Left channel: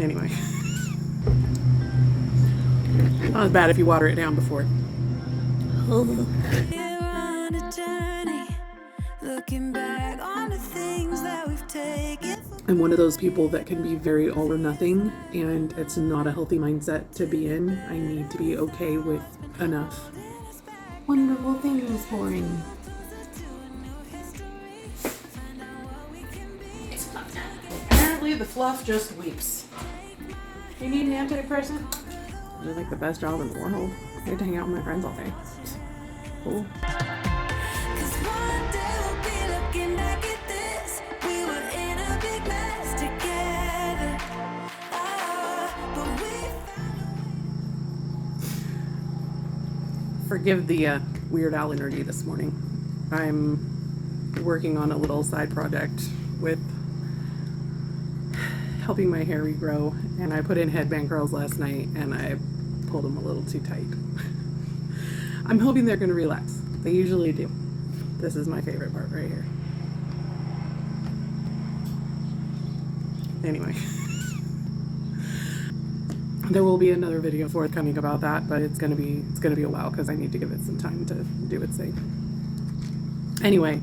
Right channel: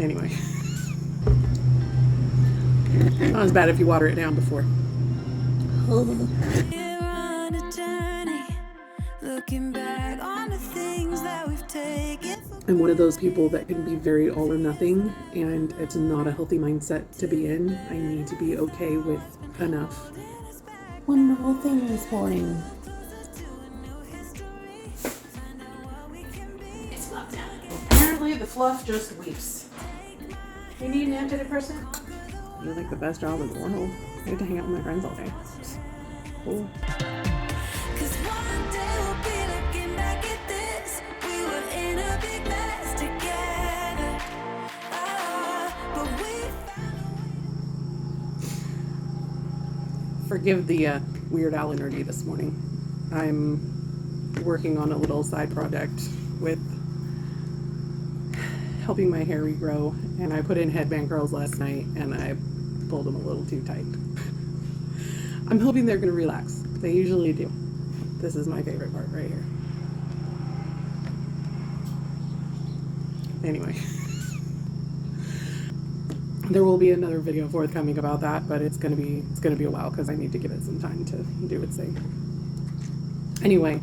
Anyway. Not as bad if you water it down before. We're on a journey, looking back on the things that we've taken. I'm one of those people that can be very all or nothing, and it's not a healthy mindset to be in. I need to be okay with enough. Wonderful thing this morning. It's Fluff time. Apparently the Fluff just weeps. You need an antidepressant? You're like the best job in the world. You can hang out with my friends all day. Cool. Cause one day we'll be looking back at this. We were in a big mess together. But we found a way. Forgive the Weird Al energy this morning. I'm working on a little side project with helping my hair regrow, and I put in headband curls last night and I pulled them a little too tight. I'm hoping they're going to relax. They usually do. This is my favorite part right here. Anyway. There will be another video forthcoming about that, but it's gonna be a while because I need to give it some time to do its thing. Anyway,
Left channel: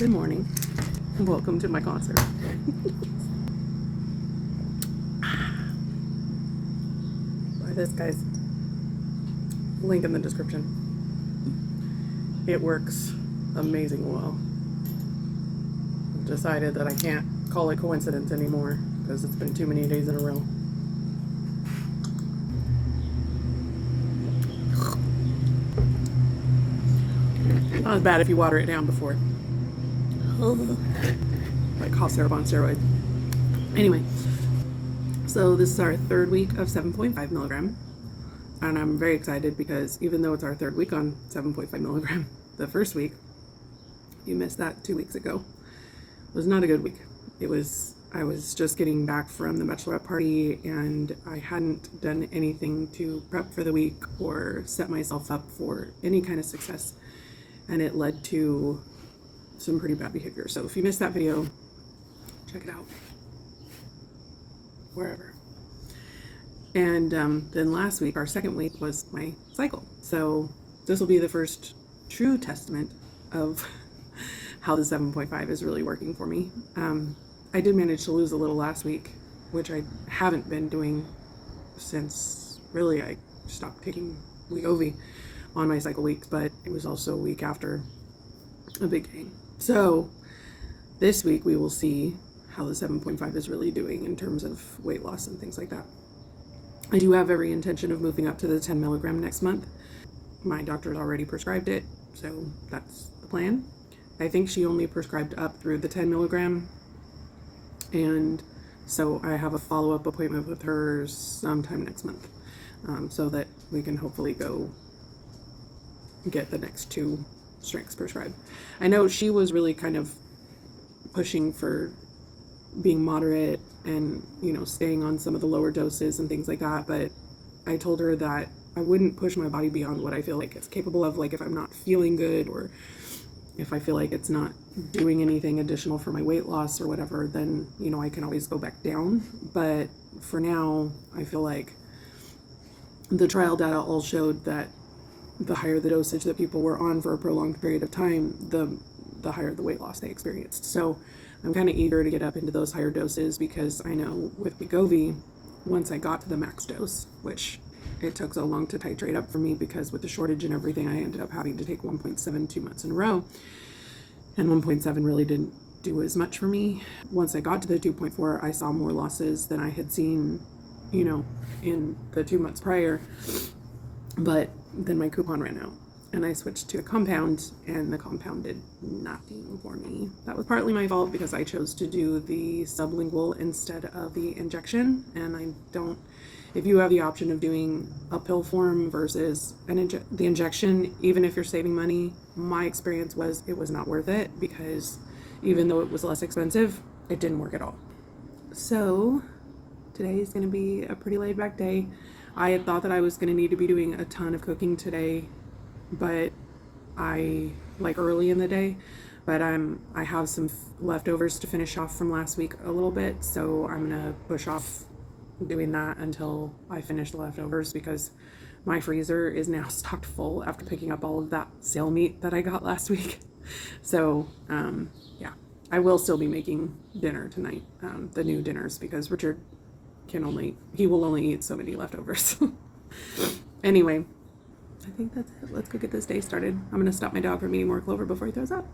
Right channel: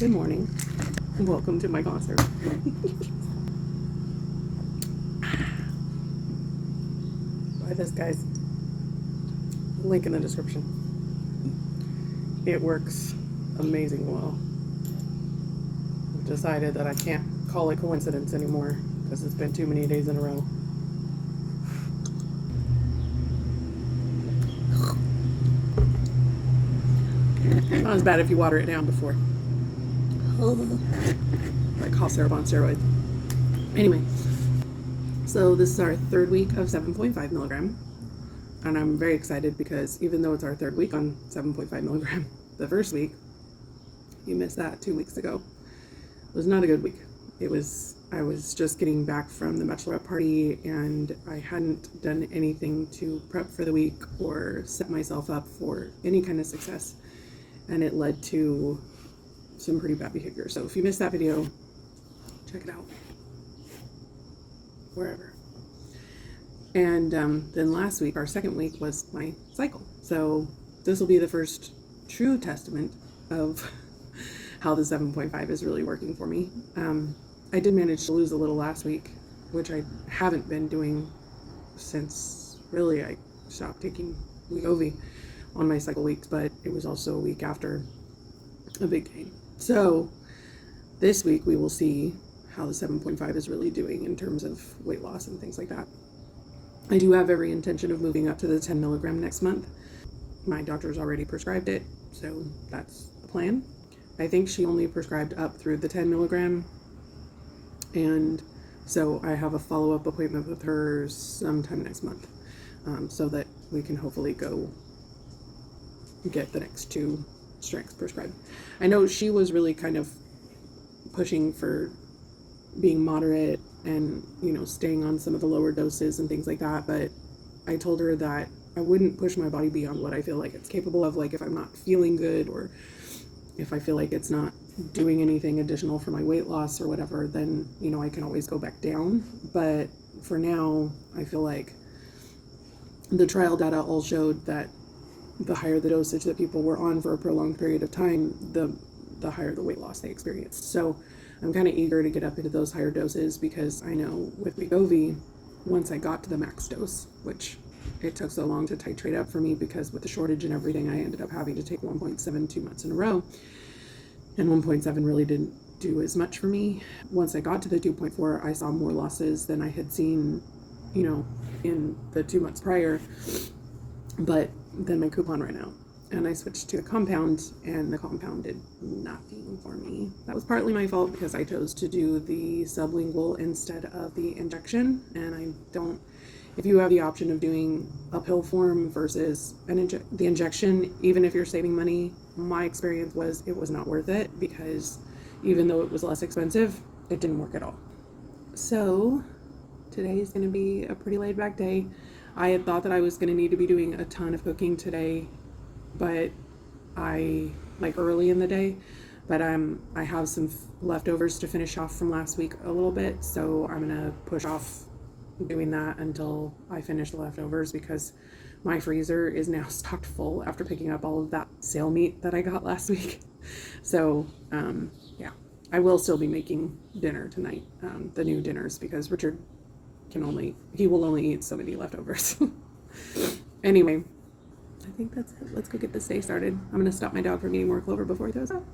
good morning. Welcome to my concert. Buy this, guys. Link in the description. It works amazing well. I've decided that I can't call it coincidence anymore because it's been too many days in a row. Not as bad if you water it down before. Like cough syrup on steroids. Anyway, so this is our third week of 7.5 milligram. And I'm very excited because even though it's our third week on 7.5 milligram, the first week, you missed that 2 weeks ago, was not a good week. I was just getting back from the bachelorette party and I hadn't done anything to prep for the week or set myself up for any kind of success. And it led to some pretty bad behavior. So if you missed that video, check it out. Wherever. And then last week, our second week, was my cycle. So this will be the first true testament of how the 7.5 is really working for me. I did manage to lose a little last week, which I haven't been doing since really I stopped taking Wegovy on my cycle weeks, but it was also a week after a big gain. So this week we will see how the 7.5 is really doing in terms of weight loss and things like that. I do have every intention of moving up to the 10 milligram next month. My doctor's already prescribed it, so that's the plan. I think she only prescribed up through the 10 milligram, and so I have a follow-up appointment with her sometime next month, so that we can hopefully go get the next 2 strengths prescribed. I know she was really kind of pushing for being moderate and, staying on some of the lower doses and things like that, but I told her that I wouldn't push my body beyond what I feel like it's capable of. Like if I'm not feeling good or if I feel like it's not doing anything additional for my weight loss or whatever, then, I can always go back down. But for now, I feel like the trial data all showed that the higher the dosage that people were on for a prolonged period of time, the higher the weight loss they experienced. So I'm kind of eager to get up into those higher doses because I know with Wegovy, once I got to the max dose, which it took so long to titrate up for me because with the shortage and everything, I ended up having to take 1.7 2 months in a row. And 1.7 really didn't do as much for me. Once I got to the 2.4, I saw more losses than I had seen, in the 2 months prior. But then my coupon ran out and I switched to a compound, and the compound did nothing for me. That was partly my fault because I chose to do the sublingual instead of the injection, and if you have the option of doing a pill form versus the injection, even if you're saving money, my experience was it was not worth it because even though it was less expensive, it didn't work at all. So today is going to be a pretty laid back day. I had thought that I was going to need to be doing a ton of cooking today, but early in the day, but I have some leftovers to finish off from last week a little bit, so I'm going to push off doing that until I finish the leftovers because my freezer is now stocked full after picking up all of that sale meat that I got last week. So, yeah, I will still be making dinner tonight, the new dinners, because Richard he will only eat so many leftovers. Anyway, I think that's it. Let's go get this day started. I'm going to stop my dog from eating more clover before he throws up.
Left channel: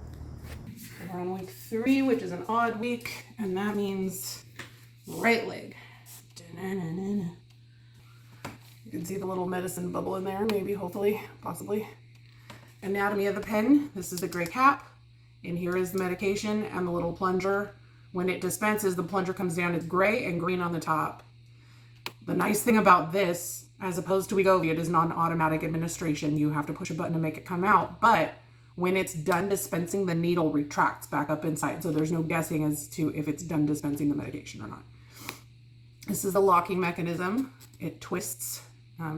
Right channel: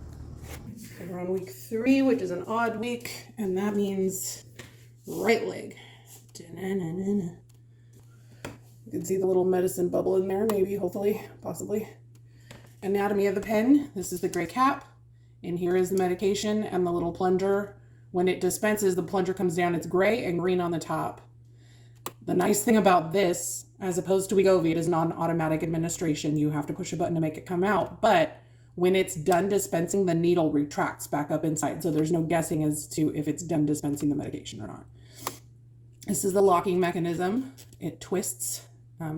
We're on week 3, which is an odd week, and that means right leg. You can see the little medicine bubble in there, maybe, hopefully, possibly. Anatomy of the pen. This is the gray cap, and here is the medication and the little plunger. When it dispenses, the plunger comes down. It's gray and green on the top. The nice thing about this, as opposed to Wegovy, it is not an automatic administration. You have to push a button to make it come out. But when it's done dispensing, the needle retracts back up inside. So there's no guessing as to if it's done dispensing the medication or not. This is the locking mechanism. It twists.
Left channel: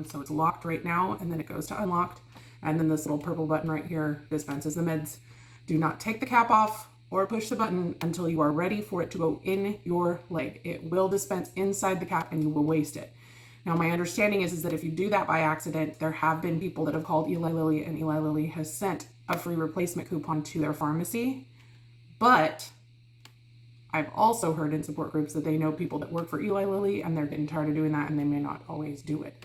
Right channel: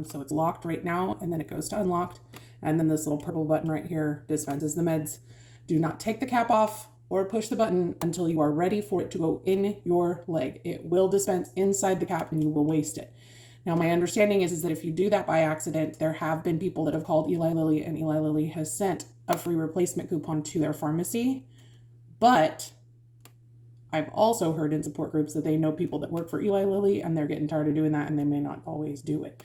So it's locked right now, and then it goes to unlocked. And then this little purple button right here dispenses the meds. Do not take the cap off or push the button until you are ready for it to go in your leg. It will dispense inside the cap and you will waste it. Now, my understanding is that if you do that by accident, there have been people that have called Eli Lilly, and Eli Lilly has sent a free replacement coupon to their pharmacy. But I've also heard in support groups that they know people that work for Eli Lilly and they're getting tired of doing that and they may not always do it.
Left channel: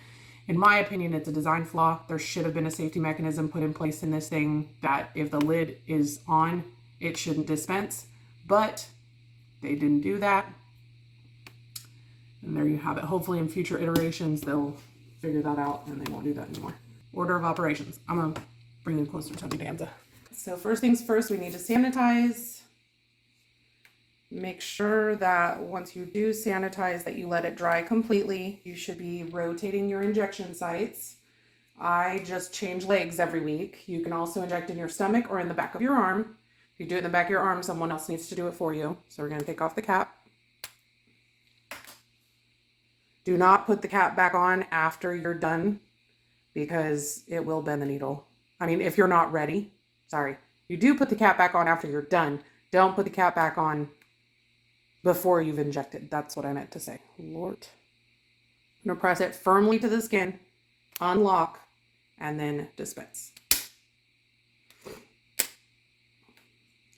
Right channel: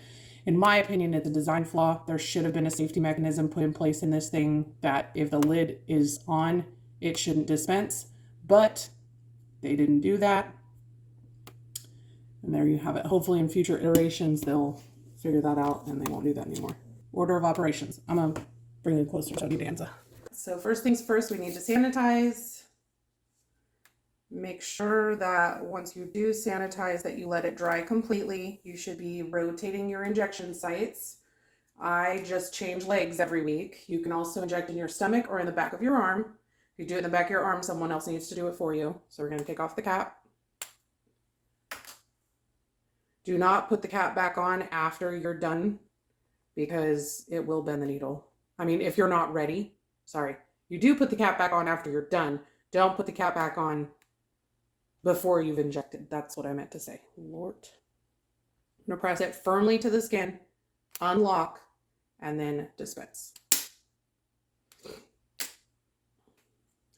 In my opinion, it's a design flaw. There should have been a safety mechanism put in place in this thing that if the lid is on, it shouldn't dispense, but they didn't do that. And there you have it. Hopefully in future iterations, they'll figure that out and they won't do that anymore. Order of operations. I'm gonna bring it closer to the Danza. So first things first, we need to sanitize. Make sure that once you do sanitize that you let it dry completely. You should be rotating your injection sites. I just change legs every week. You can also inject in your stomach or in the back of your arm. If you do it in the back of your arm, someone else needs to do it for you. So we're going to take off the cap. Do not put the cap back on after you're done because it will bend the needle. I mean, if you're not ready, sorry. You do put the cap back on after you're done. Don't put the cap back on before you've injected. That's what I meant to say. Lord. I'm going to press it firmly to the skin, unlock, and then dispense.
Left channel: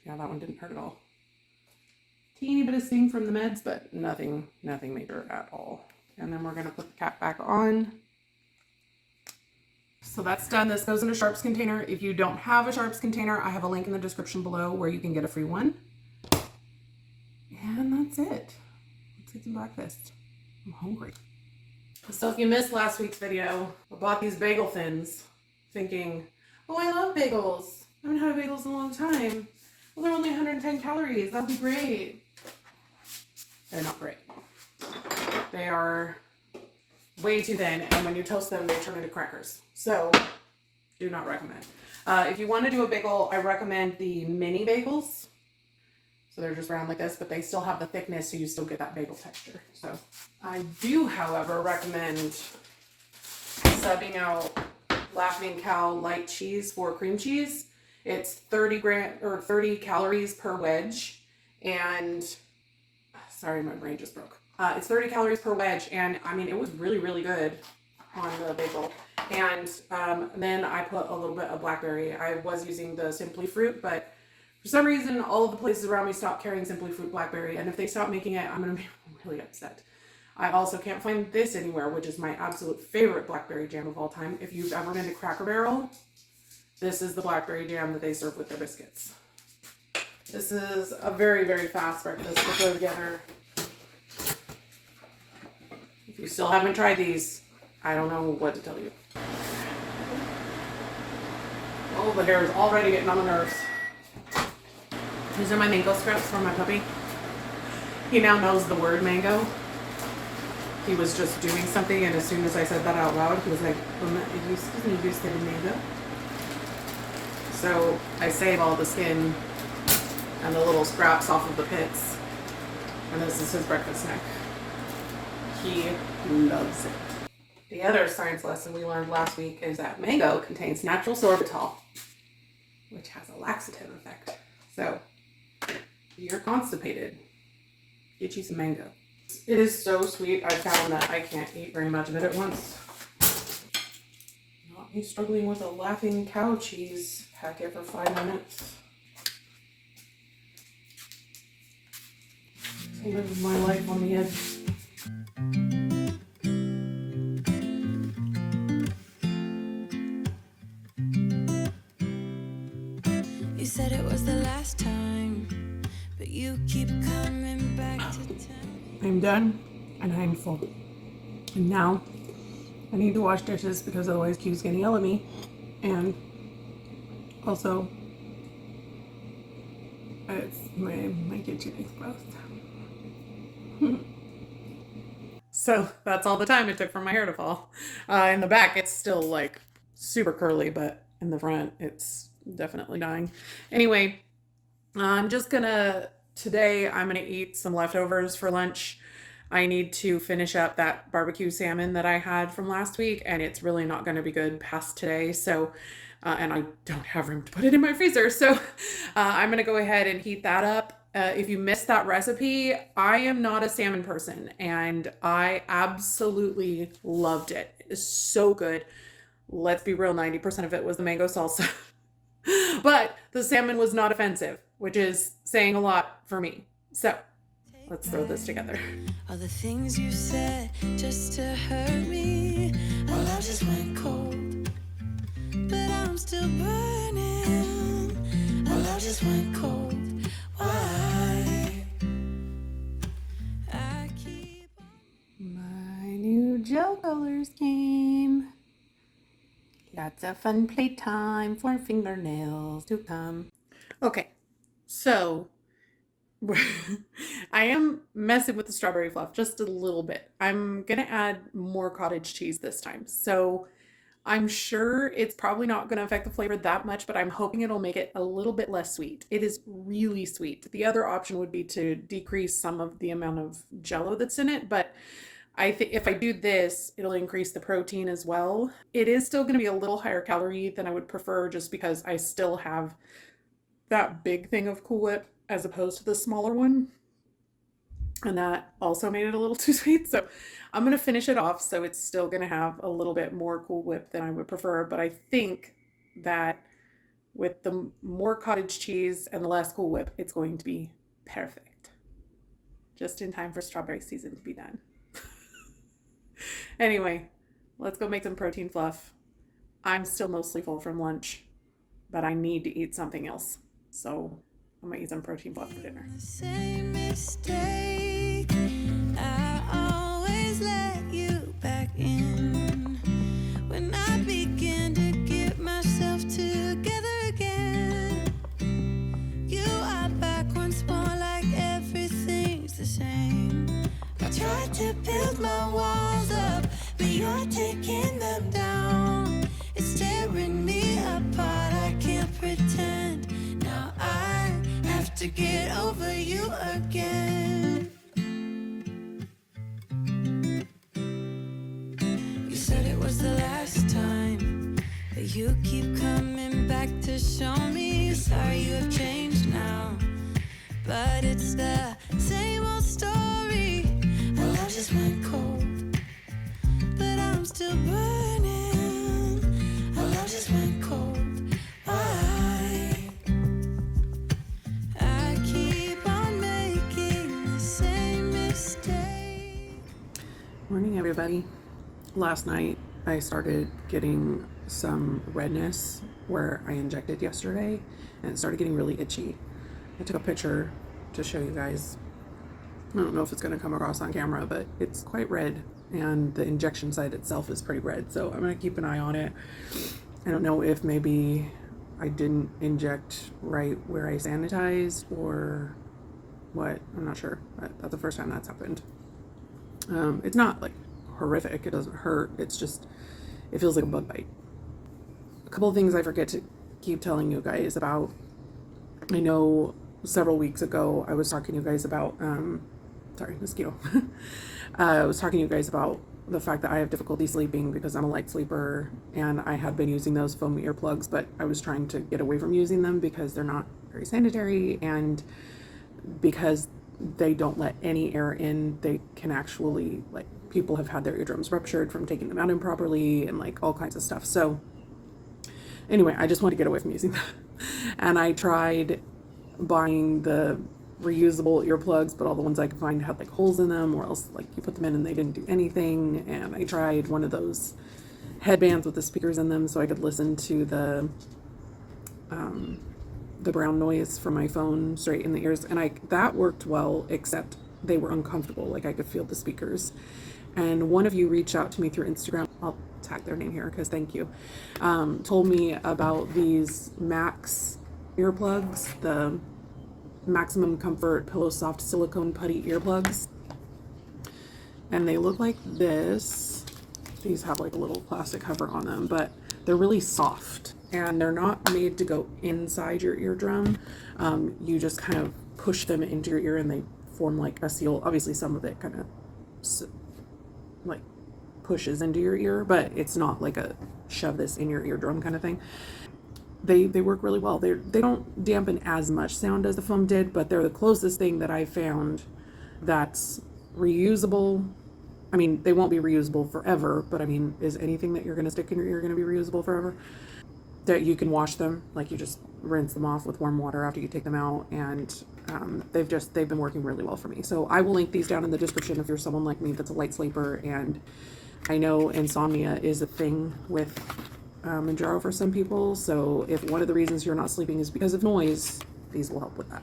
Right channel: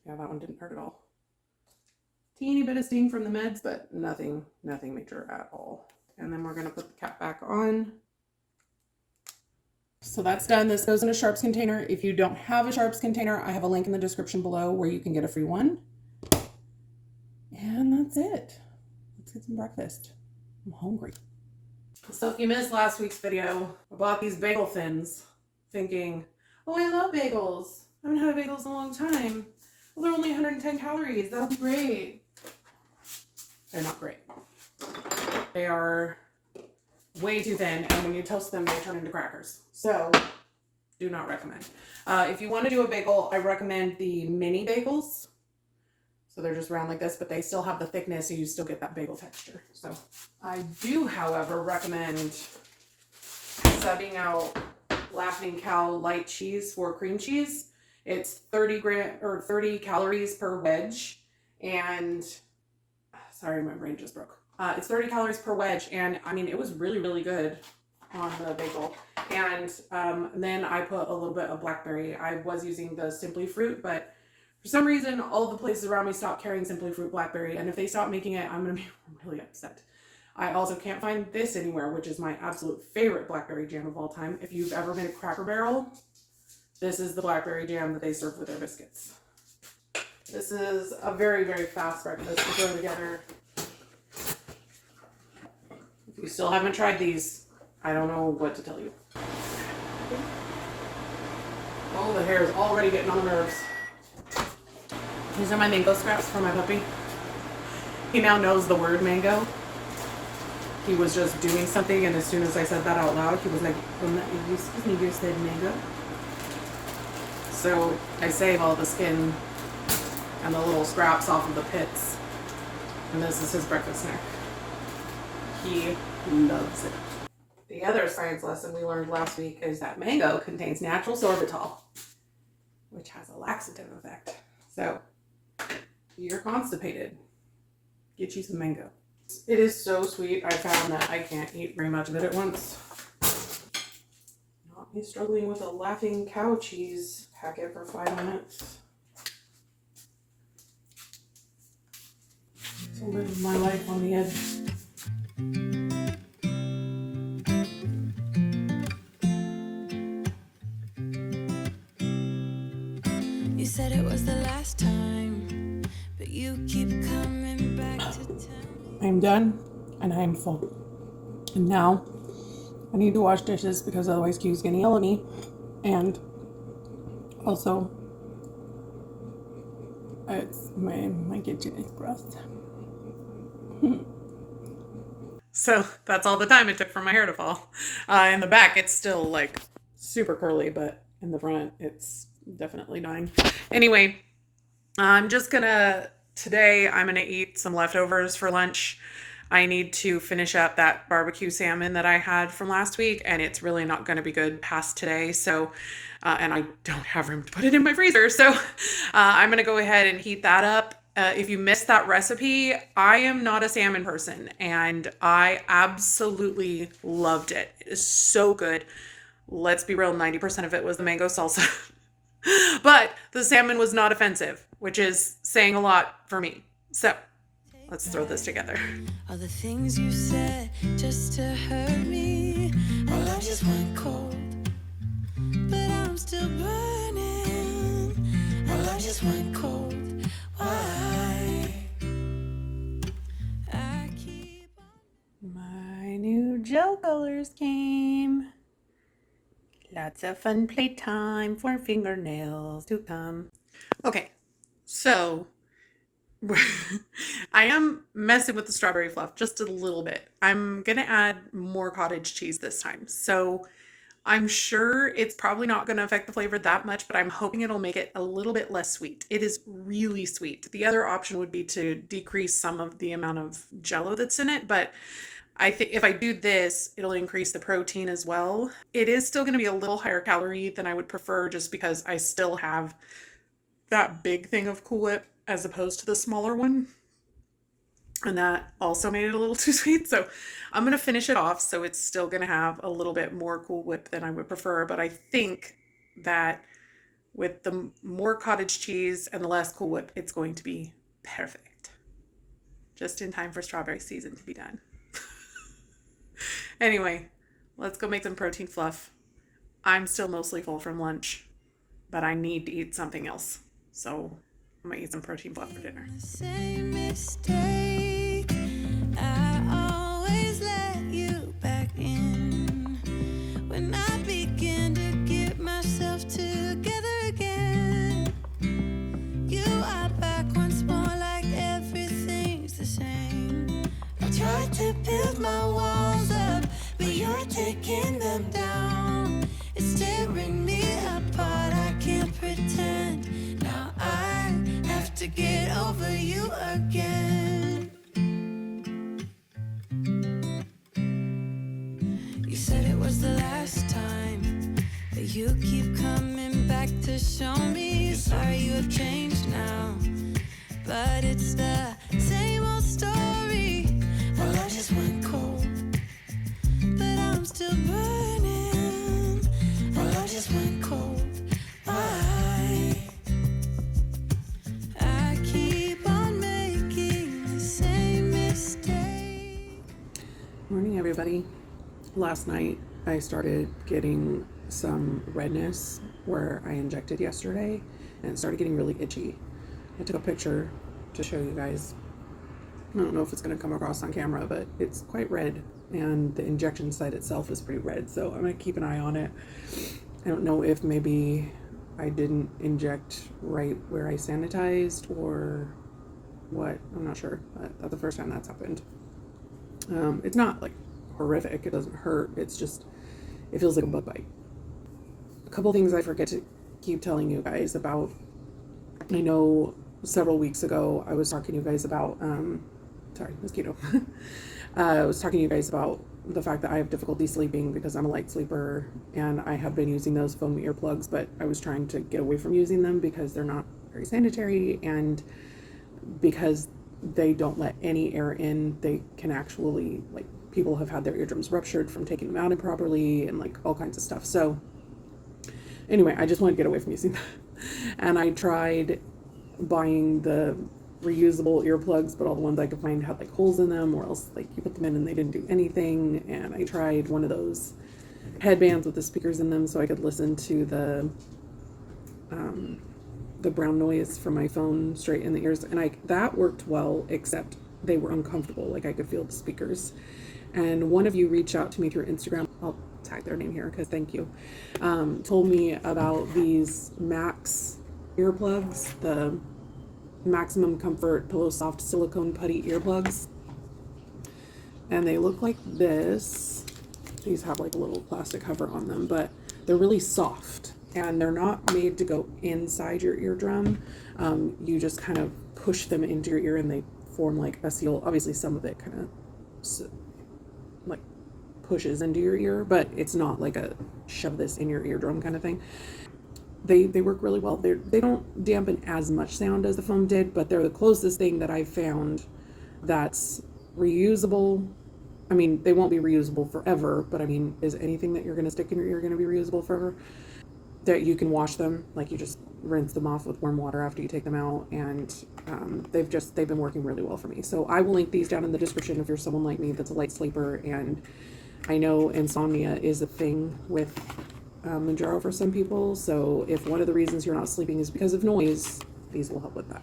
Yeah, that one didn't hurt at all. Teeny bit of sting from the meds, but nothing major at all. And then we're going to put the cap back on. So that's done. This goes in a sharps container. If you don't have a sharps container, I have a link in the description below where you can get a free one. And that's it. Let's get some breakfast. I'm hungry. So if you missed last week's video, I bought these bagel thins thinking, oh, I love bagels. I haven't had bagels in a long time. Well, they're only 110 calories. That'll be great. They're not great. They are way too thin, and when you toast them, they turn into crackers. So, do not recommend. If you want to do a bagel, I recommend the mini bagels. So they're just round like this, but they still have the thickness, so you still get that bagel texture. So, I do, however, recommend subbing out Laughing Cow light cheese for cream cheese. It's 30 calories per wedge, and sorry, my brain just broke. It's 30 calories per wedge, and I mean, it was really, really good on the bagel. And then I put a little bit of blackberry. I was using the Simply Fruit, but for some reason, all of the places around me stopped carrying Simply Fruit blackberry, and if they stop making it, I'm going to be really upset. I also can't find this anywhere, which is my absolute favorite blackberry jam of all time. If you've ever been to Cracker Barrel, this is the blackberry jam that they serve with their biscuits. This is a very, very fast breakfast to throw together. If you still haven't tried these, I don't know what to tell you. Oh, the hair is already getting on the nerves. These are my mango scraps for my puppy. He now knows the word mango. He was just doing something, and as soon as I said that out loud, he was like, excuse me, do you say mango? So I save all the skin and the little scraps off of the pits. And this is his breakfast snack. He loves it. The other science lesson we learned last week is that mango contains natural sorbitol, which has a laxative effect. So, if you're constipated, get you some mango. It is so sweet. I found that I can't eat very much of it at once. Not me struggling with a laughing cow cheese packet for 5 minutes. So live my life on the edge. You said it was the last time, but you keep coming back to tell me. I'm done and I'm full. And now I need to wash dishes because otherwise Q's gonna yell at me. And also, it's my kitchen is gross. So that's all the time it took for my hair to fall. In the back, it's still like super curly, but in the front, it's definitely dying. Anyway, today I'm gonna eat some leftovers for lunch. I need to finish up that barbecue salmon that I had from last week, and it's really not going to be good past today. So, and I don't have room to put it in my freezer. So I'm going to go ahead and heat that up. If you missed that recipe, I am not a salmon person, and I absolutely loved it. It's so good. Let's be real, 90% of it was the mango salsa. But the salmon was not offensive, which is saying a lot for me. So let's throw this together. All the things you said just to hurt me. Our love just went cold, but I'm still burning. Our love just went cold. Why? I keep on. My new gel colors came. Lots of fun playtime for fingernails to come. Okay, so I am messing with the strawberry fluff just a little bit. I'm gonna add more cottage cheese this time. So I'm sure it's probably not gonna affect the flavor that much, but I'm hoping it'll make it a little bit less sweet. It is really sweet. The other option would be to decrease some of the amount of Jello that's in it, but I think if I do this, it'll increase the protein as well. It is still gonna be a little higher calorie than I would prefer just because I still have that big thing of Cool Whip as opposed to the smaller one. And that also made it a little too sweet. So I'm going to finish it off. So it's still going to have a little bit more Cool Whip than I would prefer. But I think that with the more cottage cheese and the less Cool Whip, it's going to be perfect. Just in time for strawberry season to be done. Anyway, let's go make some protein fluff. I'm still mostly full from lunch, but I need to eat something else. So I'm gonna eat some protein fluff for dinner. The same mistake. I always let you back in. When I begin to get myself together again, you are back once more like everything's the same. I tried to build my walls up, but you're taking them down. It's tearing me apart, I can't pretend. Now I have to get over you again. You said it was the last time, but you keep coming back to show me. Sorry you have changed now, but it's the same old story. Our love just went cold, but I'm still burning. Our love just went cold. Why? I keep on making the same mistake. Morning, everybody. Last night I started getting some redness where I injected yesterday, and it started getting really itchy. I took a picture to show you guys. I don't know if it's going to come across on camera, but it's quite red, and the injection site itself is pretty red, so I'm going to keep an eye on it. I don't know if maybe I didn't inject right where I sanitized or what. I'm not sure, but that's the first time that's happened. It's not like horrific. It doesn't hurt. It's just, it feels like a bug bite. A couple of things I forget to keep telling you guys about. I know several weeks ago I was talking to you guys about, mosquito. I was talking to you guys about the fact that I have difficulty sleeping because I'm a light sleeper, and I have been using those foam earplugs, but I was trying to get away from using them because they're not very sanitary, and because they don't let any air in. They can actually, like, people have had their eardrums ruptured from taking them out improperly and like all kinds of stuff. So anyway, I just want to get away from using that. And I tried buying the reusable earplugs, but all the ones I could find had like holes in them, or else like you put them in and they didn't do anything. And I tried one of those headbands with the speakers in them so I could listen to the brown noise from my phone straight in the ears, and that worked well, except they were uncomfortable. Like I could feel the speakers. And one of you reached out to me through Instagram. I'll tag their name here because thank you. Told me about these Max earplugs, the Maximum Comfort Pillow Soft Silicone Putty earplugs. And they look like this. These have like a little plastic cover on them, but they're really soft and they're not made to go inside your eardrum. You just kind of push them into your ear and they form like a seal. Obviously some of it kind of like pushes into your ear, but it's not like a shove this in your eardrum kind of thing. They work really well. They don't dampen as much sound as the foam did, but they're the closest thing that I found that's reusable. I mean, they won't be reusable forever, but I mean, is anything that you're going to stick in your ear going to be reusable forever? That you can wash them, like you just rinse them off with warm water after you take them out, and they've been working really well for me. So I will link these down in the description if you're someone like me that's a light sleeper, and I know insomnia is a thing with Mounjaro for some people. So if one of the reasons you're not sleeping is because of noise, these will help with that.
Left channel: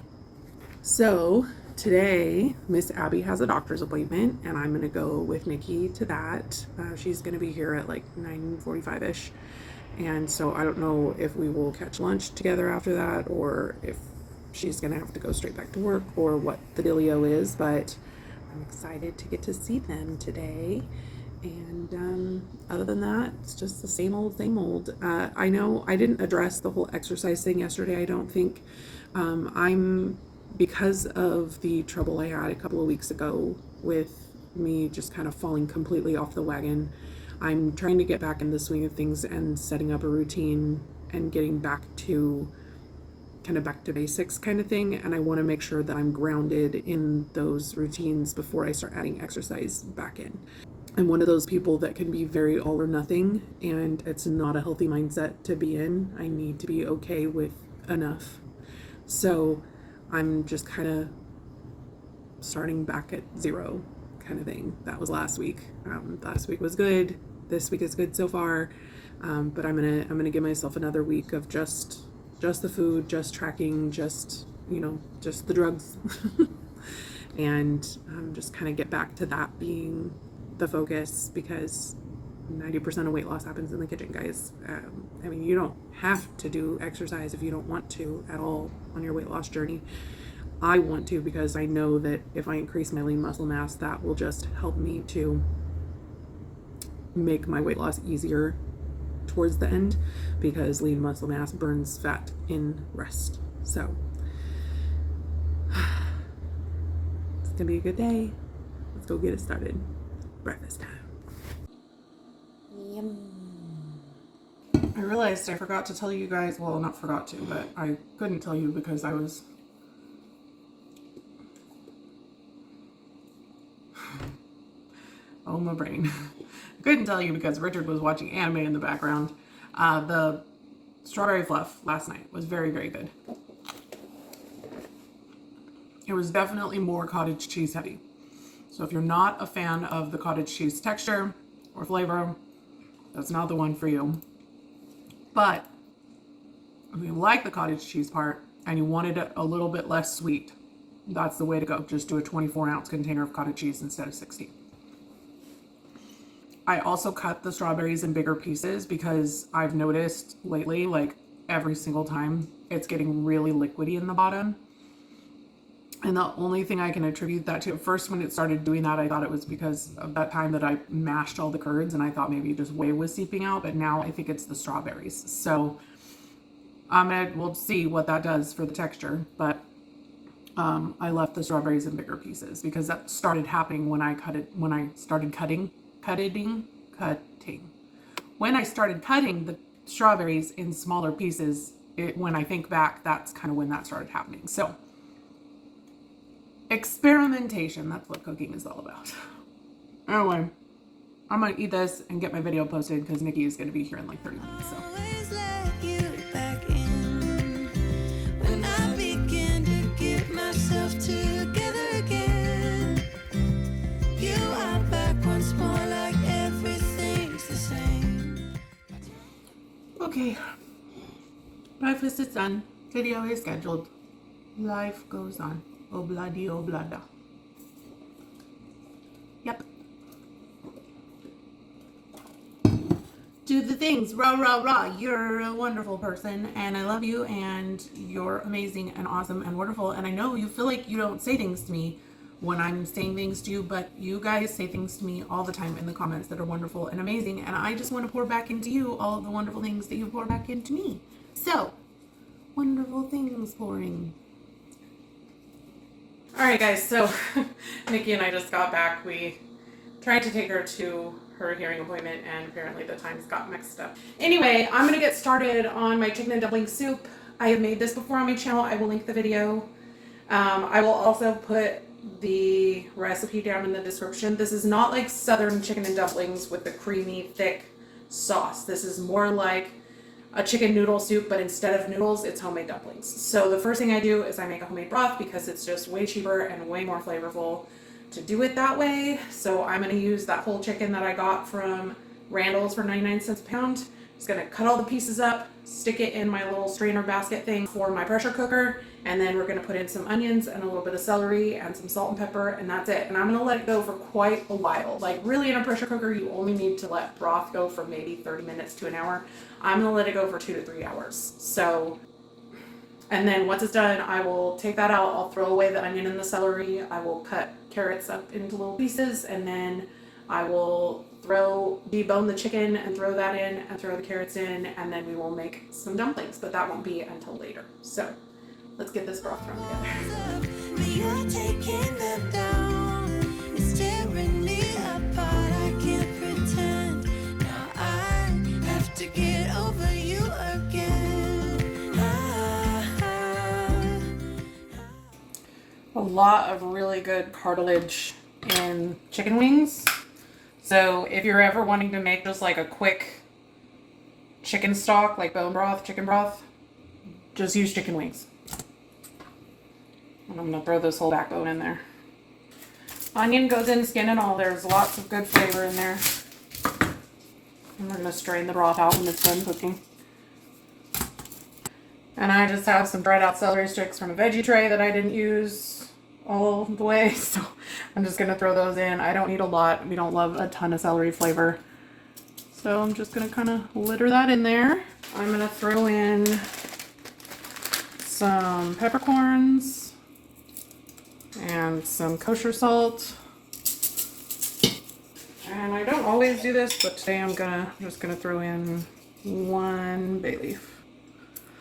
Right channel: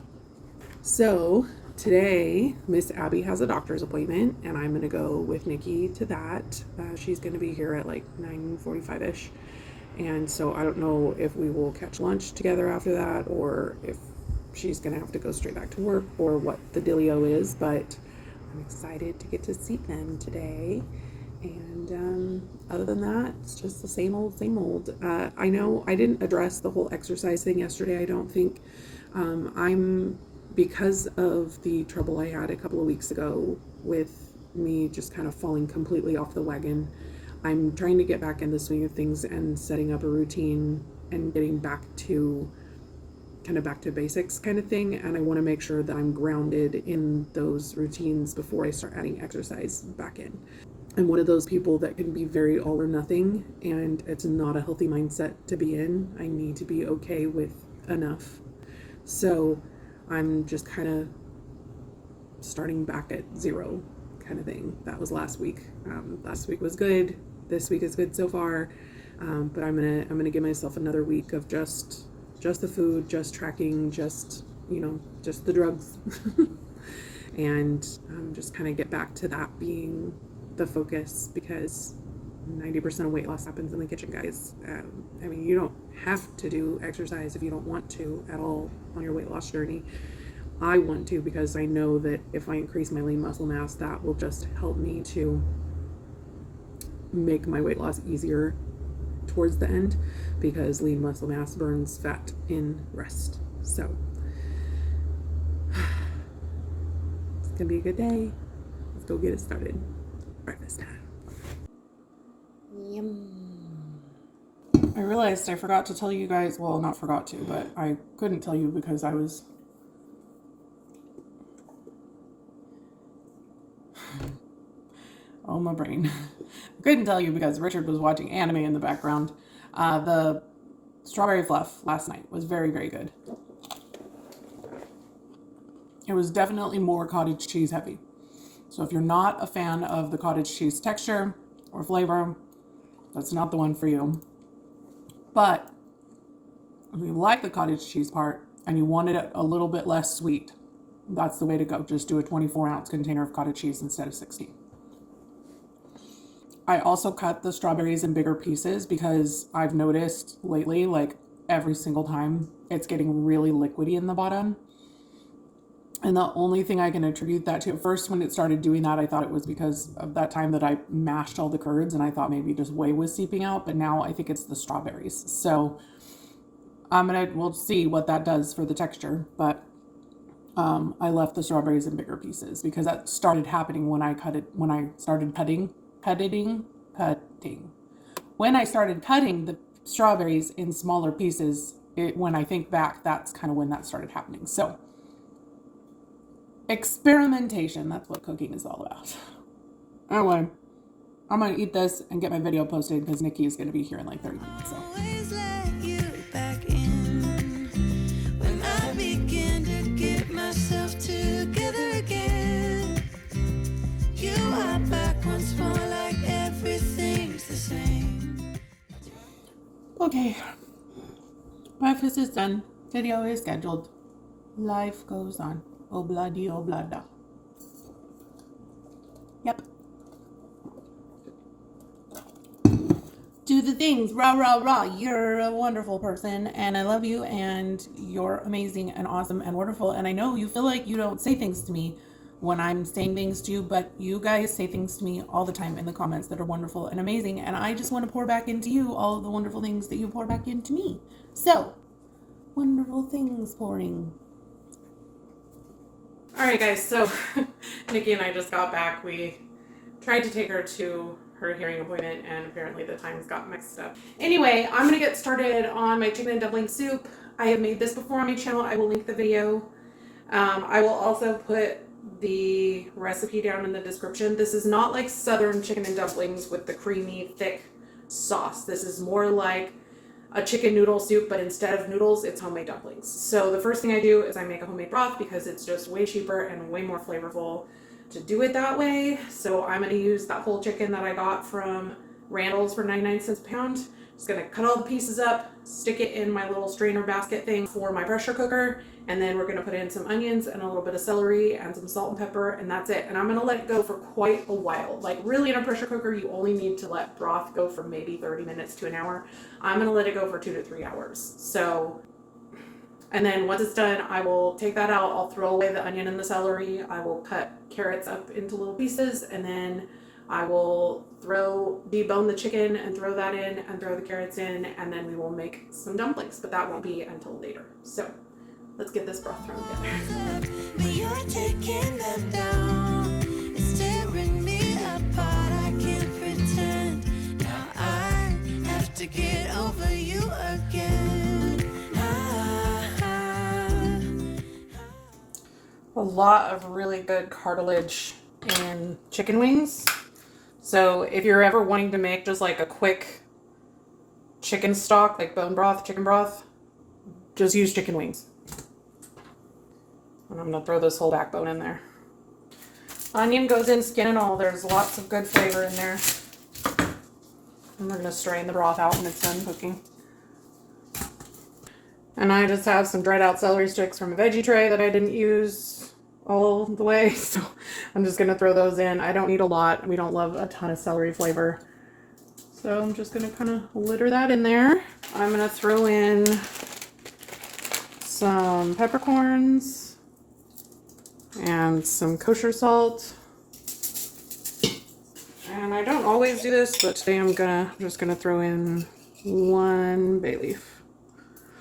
So today, Miss Abby has a doctor's appointment, and I'm gonna go with Nikki to that. She's gonna be here at like 9:45ish, and so I don't know if we will catch lunch together after that, or if she's gonna have to go straight back to work, or what the dealio is. But I'm excited to get to see them today. And other than that, it's just the same old, same old. I know I didn't address the whole exercise thing yesterday, I don't think. Because of the trouble I had a couple of weeks ago with me just kind of falling completely off the wagon, I'm trying to get back in the swing of things and setting up a routine and getting back to basics kind of thing. And I want to make sure that I'm grounded in those routines before I start adding exercise back in. I'm one of those people that can be very all or nothing, and it's not a healthy mindset to be in. I need to be okay with enough. So I'm just kind of starting back at zero kind of thing. That was last week. Last week was good. This week is good so far. But I'm gonna give myself another week of just the food, just tracking, just the drugs, and just kind of get back to that being the focus, because 90% of weight loss happens in the kitchen, guys. I mean, you don't have to do exercise if you don't want to at all on your weight loss journey. I want to, because I know that if I increase my lean muscle mass, that will just help me to make my weight loss easier towards the end, because lean muscle mass burns fat in rest. So it's gonna be a good day. Let's go get it started. Breakfast time. Yum. I realized I forgot to tell you guys, well, not forgot to, but I couldn't tell you because I was oh, my brain. I couldn't tell you because Richard was watching anime in the background. The strawberry fluff last night was very, very good. It was definitely more cottage cheese heavy. So if you're not a fan of the cottage cheese texture or flavor, that's not the one for you. But if you like the cottage cheese part and you wanted it a little bit less sweet, that's the way to go. Just do a 24-ounce container of cottage cheese instead of 60. I also cut the strawberries in bigger pieces because I've noticed lately, like every single time, it's getting really liquidy in the bottom. And the only thing I can attribute that to, at first when it started doing that, I thought it was because of that time that I mashed all the curds, and I thought maybe just whey was seeping out, but now I think it's the strawberries. So we'll see what that does for the texture, but I left the strawberries in bigger pieces because that started happening when I started cutting. When I started cutting the strawberries in smaller pieces, when I think back, that's kind of when that started happening. So experimentation. That's what cooking is all about. Anyway, I'm gonna eat this and get my video posted because Nikki is gonna be here in like 30 minutes. So. Always let you back in when I begin to get myself together again. You are back once more, like everything's the same. Okay, breakfast is done. Video is scheduled. Life goes on. Obladi oblada. Yep. Do the things. Rah, rah, rah. You're a wonderful person, and I love you, and you're amazing and awesome and wonderful. And I know you feel like you don't say things to me when I'm saying things to you, but you guys say things to me all the time in the comments that are wonderful and amazing, and I just want to pour back into you all of the wonderful things that you pour back into me. So, wonderful things pouring. Alright guys, so Nikki and I just got back. We tried to take her to her hearing appointment, and apparently the times got mixed up. Anyway, I'm going to get started on my chicken and dumpling soup. I have made this before on my channel. I will link the video. I will also put the recipe down in the description. This is not like southern chicken and dumplings with the creamy, thick sauce. This is more like a chicken noodle soup, but instead of noodles, it's homemade dumplings. So the first thing I do is I make a homemade broth because it's just way cheaper and way more flavorful to do it that way. So I'm going to use that whole chicken that I got from Randall's for 99 cents a pound. Just going to cut all the pieces up, stick it in my little strainer basket thing for my pressure cooker, and then we're going to put in some onions and a little bit of celery and some salt and pepper, and that's it. And I'm going to let it go for quite a while. Like really in a pressure cooker, you only need to let broth go for maybe 30 minutes to an hour. I'm going to let it go for 2 to 3 hours. So, and then once it's done, I will take that out. I'll throw away the onion and the celery. I will cut carrots up into little pieces, and then I will debone the chicken and throw that in and throw the carrots in, and then we will make some dumplings, but that won't be until later. So let's get this broth thrown together. But you're taking them down. It's tearing me apart. I can't pretend. Now I have to get over you again. A lot of really good cartilage in chicken wings. So if you're ever wanting to make just like a quick chicken stock, like bone broth, chicken broth, just use chicken wings. And I'm going to throw this whole backbone in there. Onion goes in, skin and all. There's lots of good flavor in there. And we're going to strain the broth out when it's done cooking. And I just have some dried out celery sticks from a veggie tray that I didn't use all the way, so I'm just going to throw those in. I don't need a lot. We don't love a ton of celery flavor. So I'm just going to kind of litter that in there. I'm going to throw in some peppercorns and some kosher salt. And I don't always do this, but today I'm just gonna throw in 1 bay leaf.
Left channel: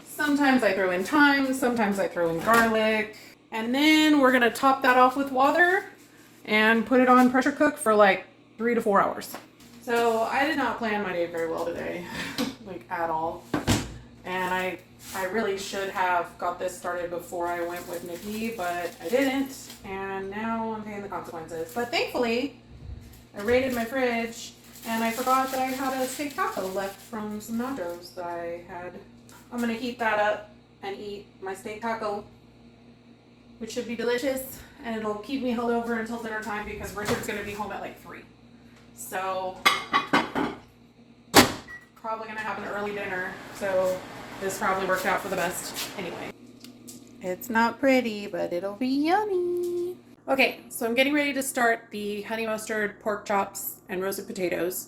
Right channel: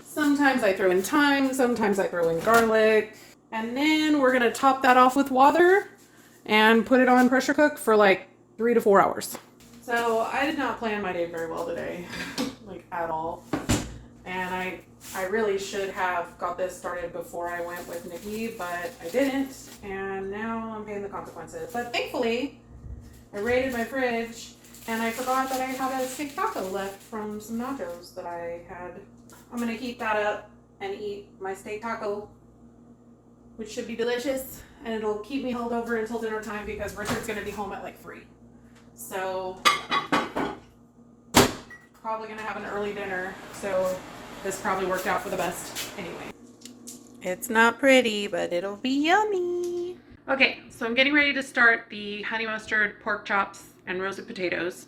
Sometimes I throw in thyme, sometimes I throw in garlic. And then we're gonna top that off with water and put it on pressure cook for like 3 to 4 hours. So I did not plan my day very well today, like at all. And I really should have got this started before I went with Nikki, but I didn't. And now I'm paying the consequences. But thankfully, I raided my fridge and I forgot that I had a steak taco left from some nachos that I had. I'm gonna heat that up and eat my steak taco, which should be delicious, and it'll keep me held over until dinner time because Richard's gonna be home at like 3. So probably gonna have an early dinner, so this probably worked out for the best anyway. It's not pretty, but it'll be yummy. Okay, so I'm getting ready to start the honey mustard, pork chops, and roasted potatoes.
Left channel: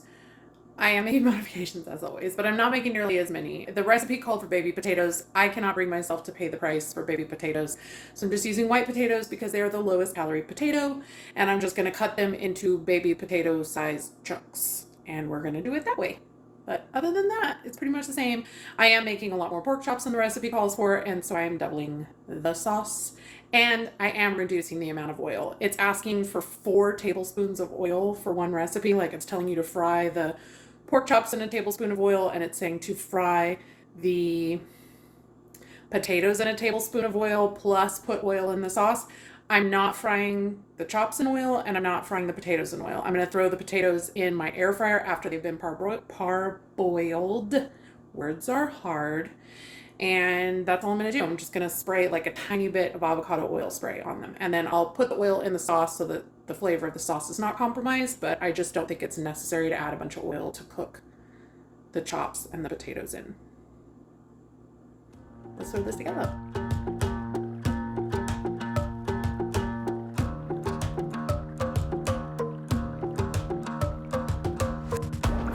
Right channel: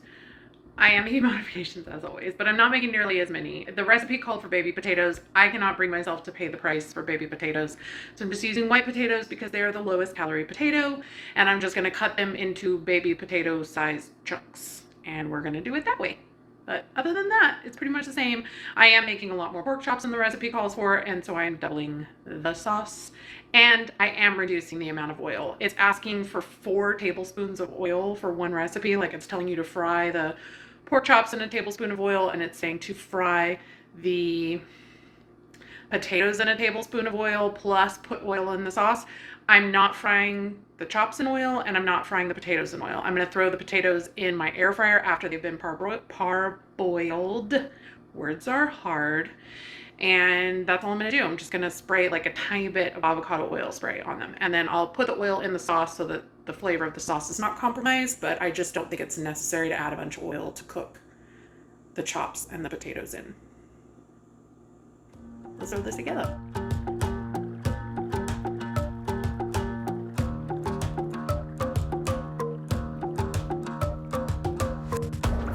I am making modifications as always, but I'm not making nearly as many. The recipe called for baby potatoes. I cannot bring myself to pay the price for baby potatoes. So I'm just using white potatoes because they are the lowest calorie potato, and I'm just gonna cut them into baby potato sized chunks, and we're gonna do it that way. But other than that, it's pretty much the same. I am making a lot more pork chops than the recipe calls for, and so I am doubling the sauce. And I am reducing the amount of oil. It's asking for 4 tablespoons of oil for one recipe. Like it's telling you to fry the pork chops in a tablespoon of oil, and it's saying to fry the potatoes in a tablespoon of oil plus put oil in the sauce. I'm not frying the chops in oil, and I'm not frying the potatoes in oil. I'm going to throw the potatoes in my air fryer after they've been parboiled. Words are hard. And that's all I'm going to do. I'm just going to spray like a tiny bit of avocado oil spray on them. And then I'll put the oil in the sauce so that the flavor of the sauce is not compromised, but I just don't think it's necessary to add a bunch of oil to cook the chops and the potatoes in. Let's throw this together.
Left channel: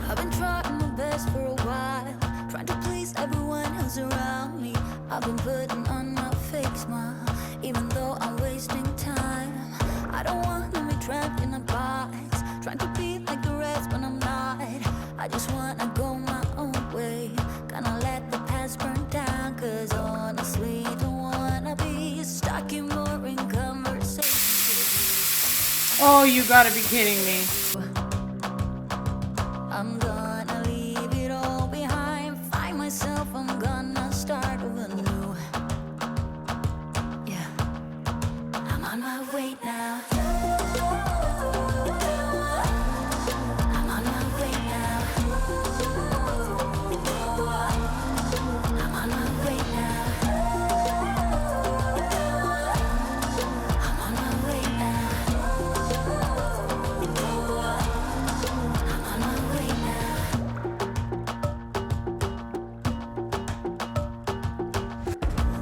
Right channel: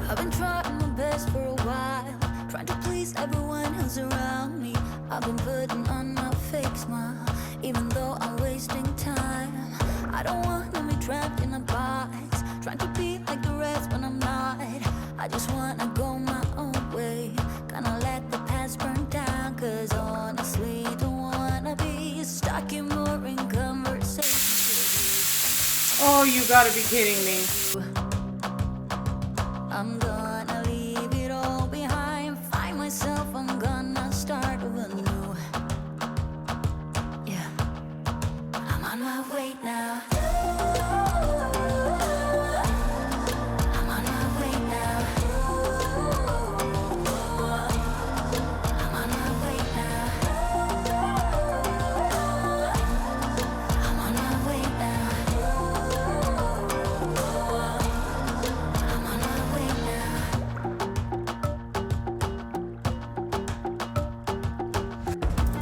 I've been trying my best for a while, trying to please everyone who's around me. I've been putting on my fake smile, even though I'm wasting time. I don't want to be trapped in a box, trying to be like the rest when I'm not. I just want to go my own way, gonna let the past burn down, cause honestly don't want to be stuck in boring conversations. Oh, you gotta be kidding me. I'm gonna leave it all behind, find myself, I'm gonna start over new. Yeah, I'm on my way now. I'm on my way now. I'm on my way now. I'm on my way now. I'm on my way now.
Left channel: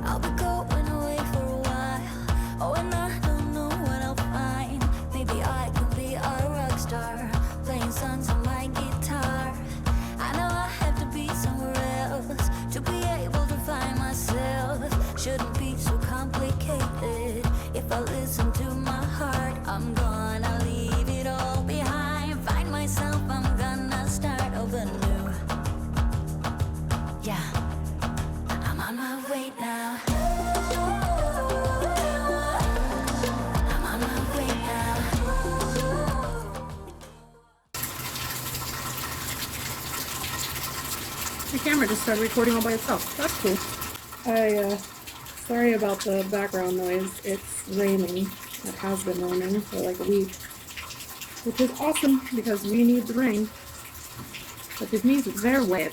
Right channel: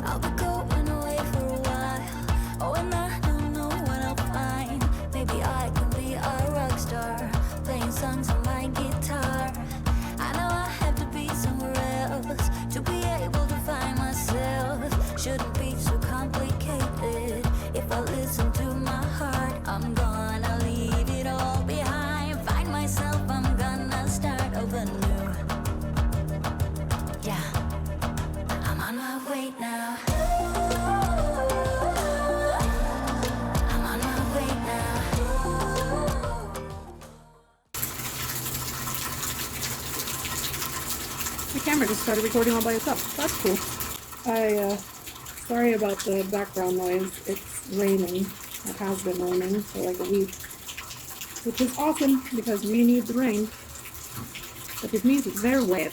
I'll be going away for a while. Oh, and I don't know what I'll find. Maybe I can be a rock star, playing songs on my guitar. I know I have to be somewhere else to be able to find myself. Shouldn't be so complicated. If I listen to my heart, I'm gonna leave it all behind. Find myself, I'm gonna start over new. Yeah, I'm on my way now. I'm on my way now. The camera just started recording all by itself. That's cool. Sorry about the background noise. It's raining. It has been raining for like a week. Which is awesome because we need the rain. But it means it's their wet.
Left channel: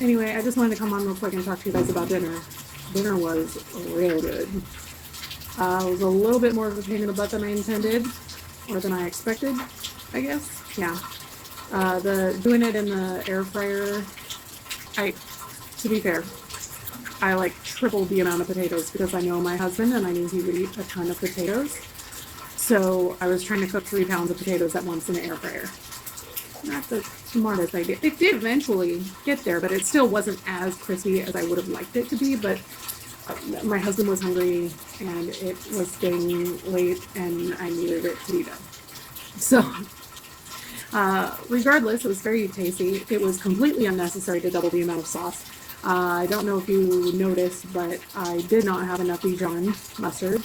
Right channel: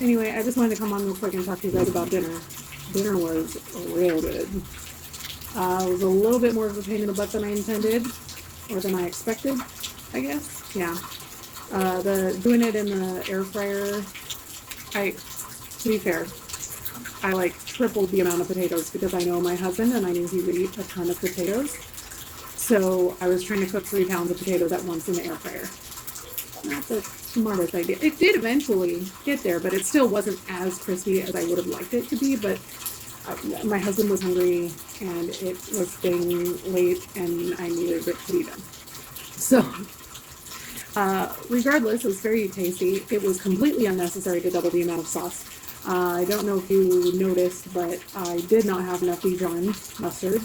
Anyway, I just wanted to come on real quick and talk to you guys about dinner. Dinner was real good. It was a little bit more of a pain in the butt than I intended, or than I expected, I guess. Yeah. Doing it in the air fryer, to be fair, I like tripled the amount of potatoes because I know my husband and I knew he would eat a ton of potatoes. So I was trying to cook 3 pounds of potatoes at once in the air fryer. Not the smartest idea. It did eventually get there, but it still wasn't as crispy as I would have liked it to be. But my husband was hungry and it was getting late and I needed it to be done. So regardless, it was very tasty. It was completely unnecessary to double the amount of sauce. I don't know if you noticed, but I did not have enough Dijon mustard.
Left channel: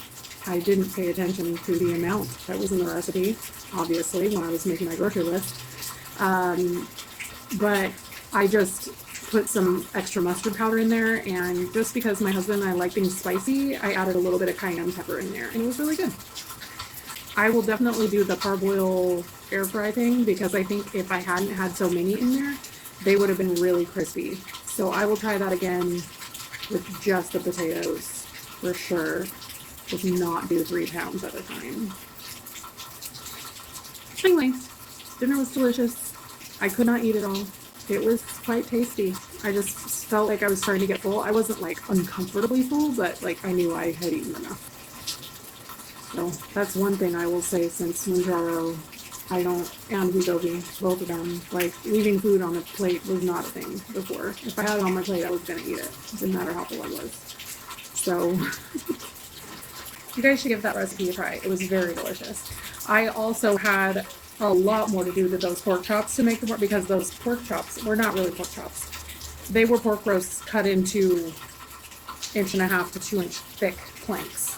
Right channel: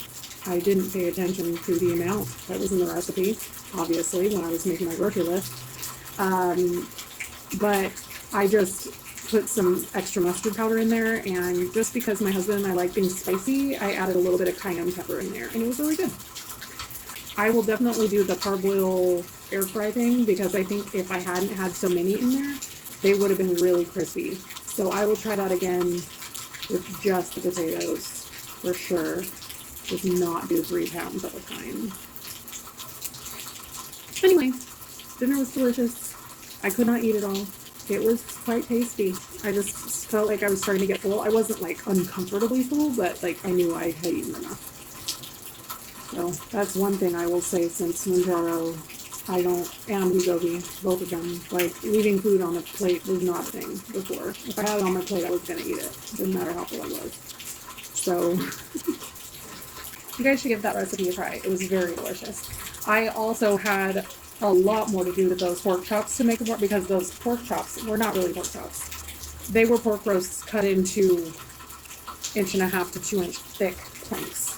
I didn't pay attention to the amount that was in the recipe, obviously, when I was making my grocery list. But I just put some extra mustard powder in there, and just because my husband and I like things spicy, I added a little bit of cayenne pepper in there, and it was really good. I will definitely do the parboil air fry thing because I think if I hadn't had so many in there, they would have been really crispy. So I will try that again with just the potatoes for sure. Just not do 3 pounds at a time. Anyway, dinner was delicious. I could not eat it all. It was quite tasty. I just felt like I was starting to get full. I wasn't like uncomfortably full, but like I knew I had eaten enough. So that's one thing I will say since Mounjaro, I don't, and Wegovy, both of them, like leaving food on the plate was not a thing before. If I had it on my plate, I was going to eat it. Didn't matter how full I was. So you guys should give that recipe a try. It was very delicious. I also had a lot more to do to those pork chops to make it more, because those pork chops were not really pork chops. They were pork roasts cut into 1.5 to 2 inch thick planks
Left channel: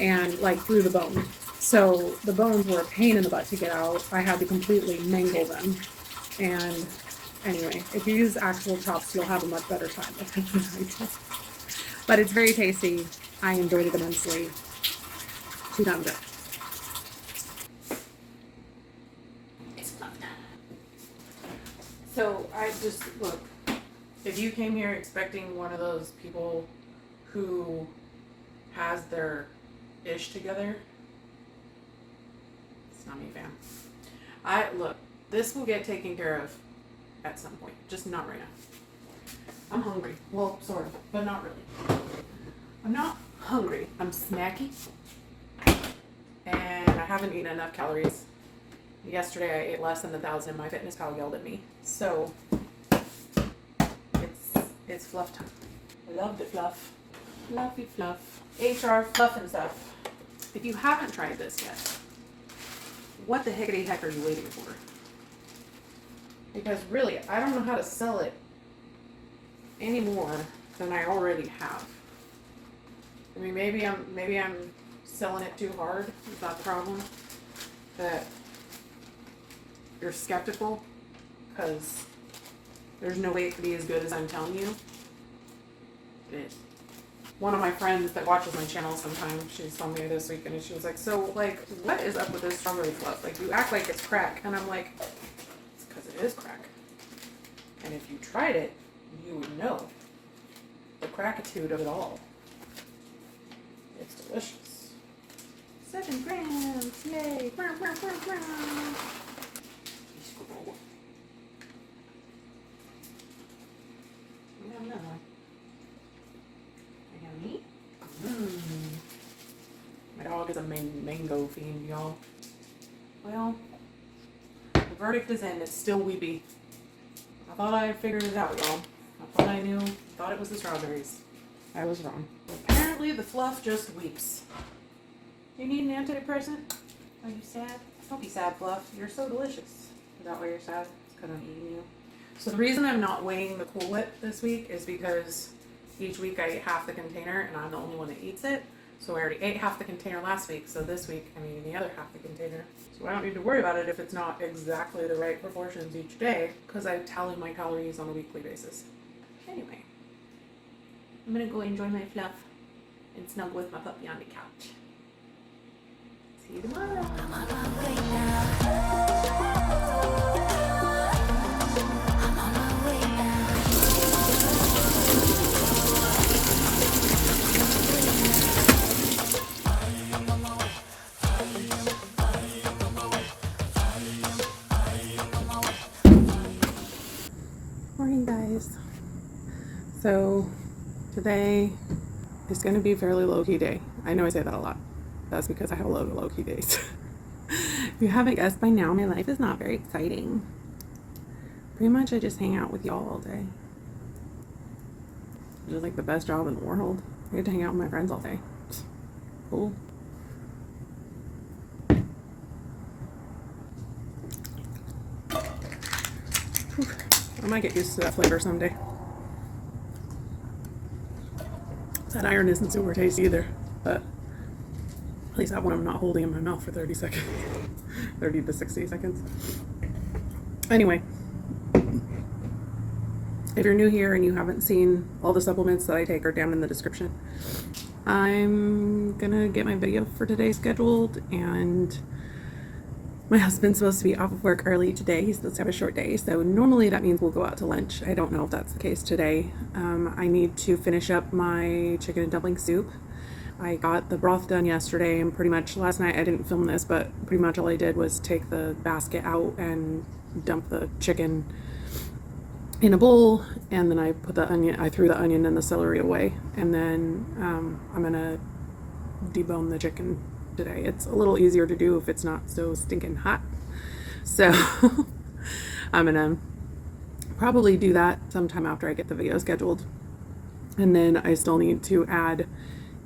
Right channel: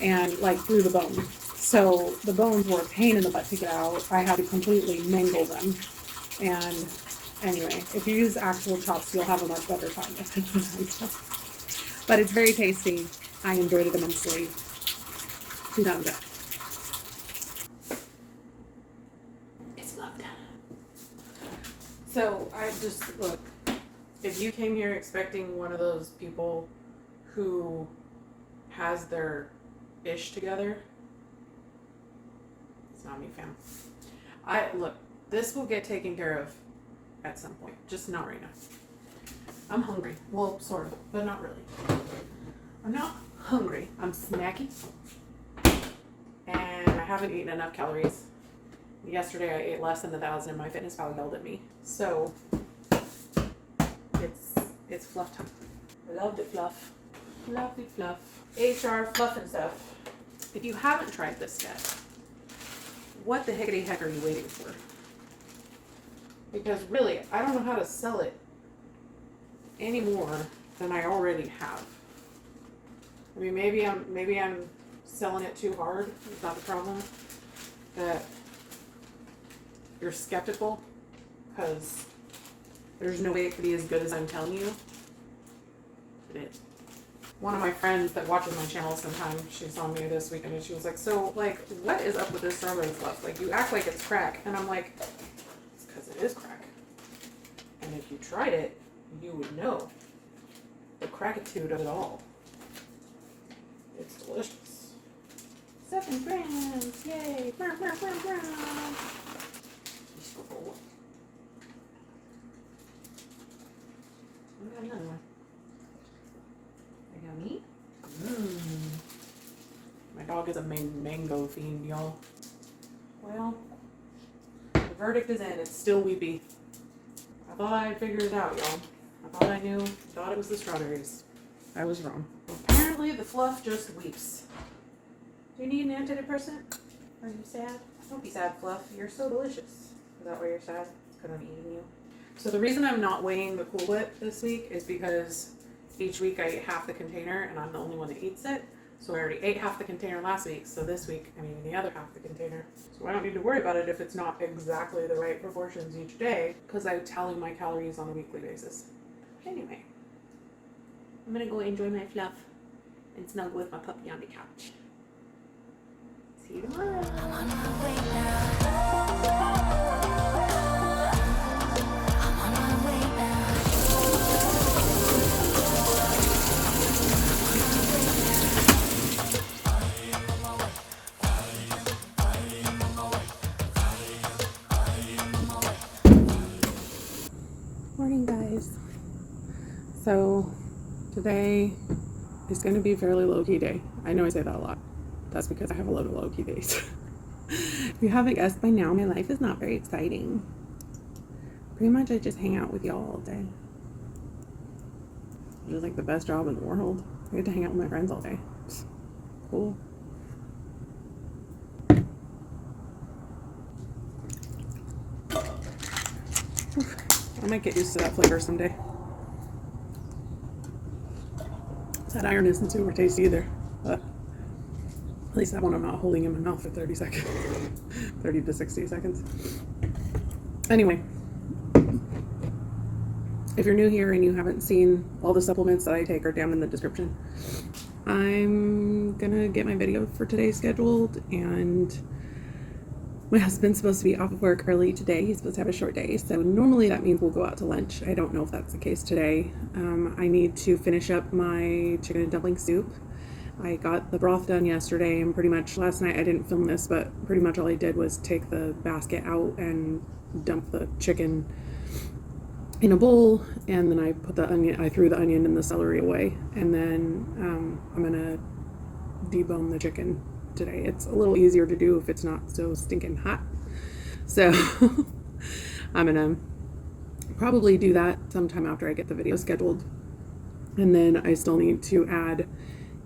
and like through the bone. So the bones were a pain in the butt to get out. I had to completely mangle them. And anyway, if you use actual chops, you'll have a much better time with them. But it's very tasty. I enjoyed it immensely. 2 times that. It's loved. So I just, look, if you came here expecting one of those people who has their ish together, it's not me, fam. Look, this will get taken care of at some point, just not right now. I'm hungry. Well, sort of, but not really. I'm not hungry. I'm snacky. And I haven't eaten enough calories. Yesterday I ate less than 1,000 and my fitness pal yelled at me. So it's fluff time. I loved it, Fluff. Loved it, Fluff. HR Fluff and stuff. If you haven't tried this yet, what the hickety heck are you waiting for? Because really, I don't know how to sell it any more than I already have. I mean, maybe I'm selling it too hard. Is that the problem? That you're skeptical because there's no way it could be as good as I'm telling you. It is. One of my friends that watches my channel sometimes, she saw me this weekend and she was like, so, like, what is up with this strawberry fluff? Like, you act like it's crack. And I'm like, it's because it is crack. And if you tried it, you would know the crackitude of it all. It's delicious. 7 grams, yay! Brown, brown, brown, brown. We have another one. Yummy. My dog is a mango fiend, y'all. Well, the verdict is in. It's still weepy. I thought I figured it out, y'all. I thought I knew. Thought it was the strawberries. I was wrong. Apparently, the fluff just weeps. Do you need an antidepressant? Are you sad? Don't be sad, Fluff. You're so delicious. Is that why you're sad? It's because I'm eating you. So the reason I'm not weighing the Cool Whip this week is because each week I eat half the container and I'm the only one that eats it. So I already ate half the container last week, so this week I'm eating the other half the container. So I don't need to worry about it if it's not exactly the right proportions each day, because I tally my calories on a weekly basis. Anyway, I'm gonna go enjoy my Fluff and snuggle with my puppy on the couch. See you tomorrow. I'm on my way now. I'm on my way now. Morning, guys. So today is going to be a fairly low-key day. I know I say that a lot. That's because I have a lot of low-key days. If you haven't guessed by now, my life is not very exciting. Pretty much I just hang out with y'all all day. It's like the best job in the world. I get to hang out with my friends all day. Cool. I might get used to that flavor someday. That iron isn't super tasty either, but at least that one I'm not holding in my mouth for 30 seconds. 30 to 60 seconds. Anyway, if you're new here and you haven't seen all the supplements that I take are down in the description. I'm gonna get my video for today scheduled, and my husband's supposed to be off of work early today. He's supposed to have a short day, so normally that means we'll go out to lunch. I don't know if that's the case today. I need to finish up my chicken and dumpling soup. I got the broth done yesterday, and pretty much last night I didn't film this, but pretty much all I did was take the basket out and dump the chicken in a bowl, and then I threw the onion and the celery away, and then I'm gonna debone the chicken today. It's a little easier to do if it's not so stinking hot. So I'm gonna probably do that sometime after I get the video scheduled. And then I still need to add